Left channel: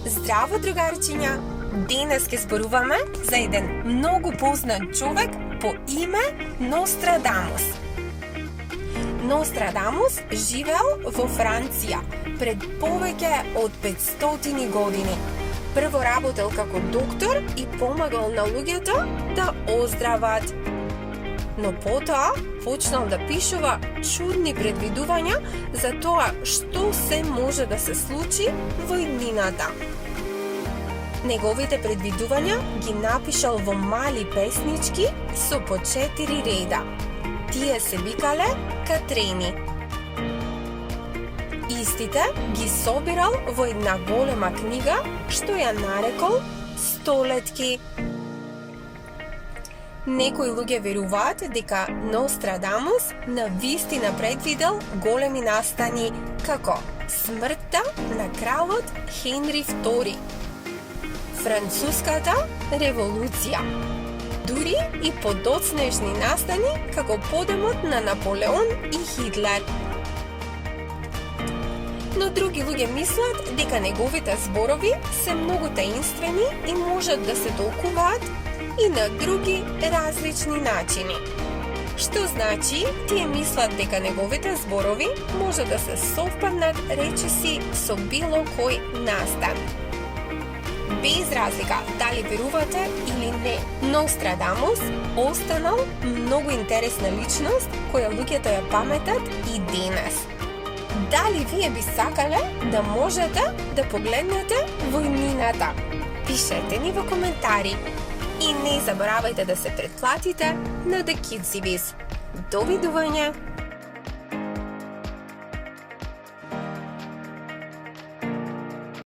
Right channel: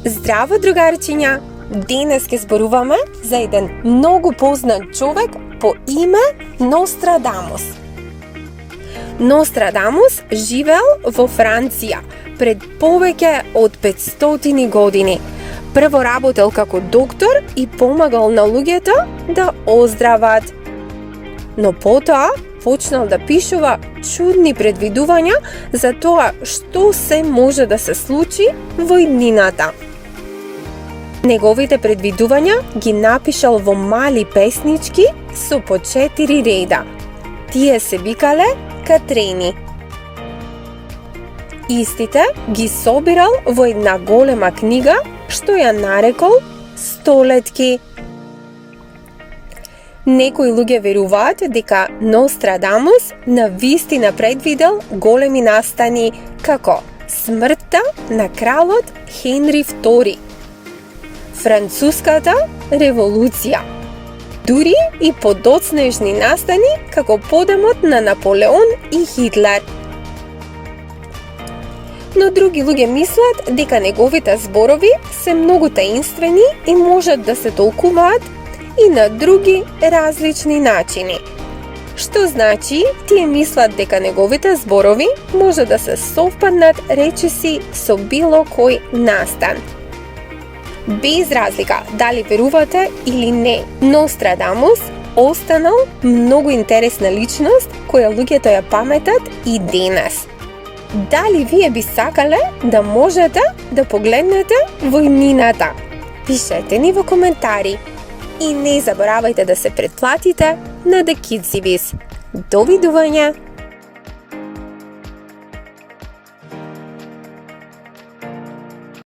Здраво, другарчиња! Денес ќе зборуваме за еден многу познат човек по име Нострадамус. Нострадамус живеел во Франција пред повеќе од 500 години. Прво работел како доктор и помагал на луѓето да оздрават. Но потоа почнал да пишува чудни предвидувања за тоа што се може да се случи во иднината. Неговите предвидувања ги напишал во мали песнички со по 4 реда. Тие се викале катрени. Истите ги собирал во една голема книга што ја нарекол Столетки. Некои луѓе веруваат дека Нострадамус навистина предвидел големи настани како смртта на кралот Хенри II, Француската револуција, дури и подоцнежни настани како подемот на Наполеон и Хитлер. Но други луѓе мислат дека неговите зборови се многу таинствени и можат да се толкуваат и на други различни начини. Што значи, тие мислат дека неговите зборови може да се совпаднат речиси со било кој настан. Без разлика дали верувате или не, Нострадамус останал многу интересна личност која луѓето ја паметат и денес. Дали вие би сакале да можете да погледнете во иднината? Пишете ни во коментари. И не заборавајте да се претплатите на The Kidsy Biz. Довидување!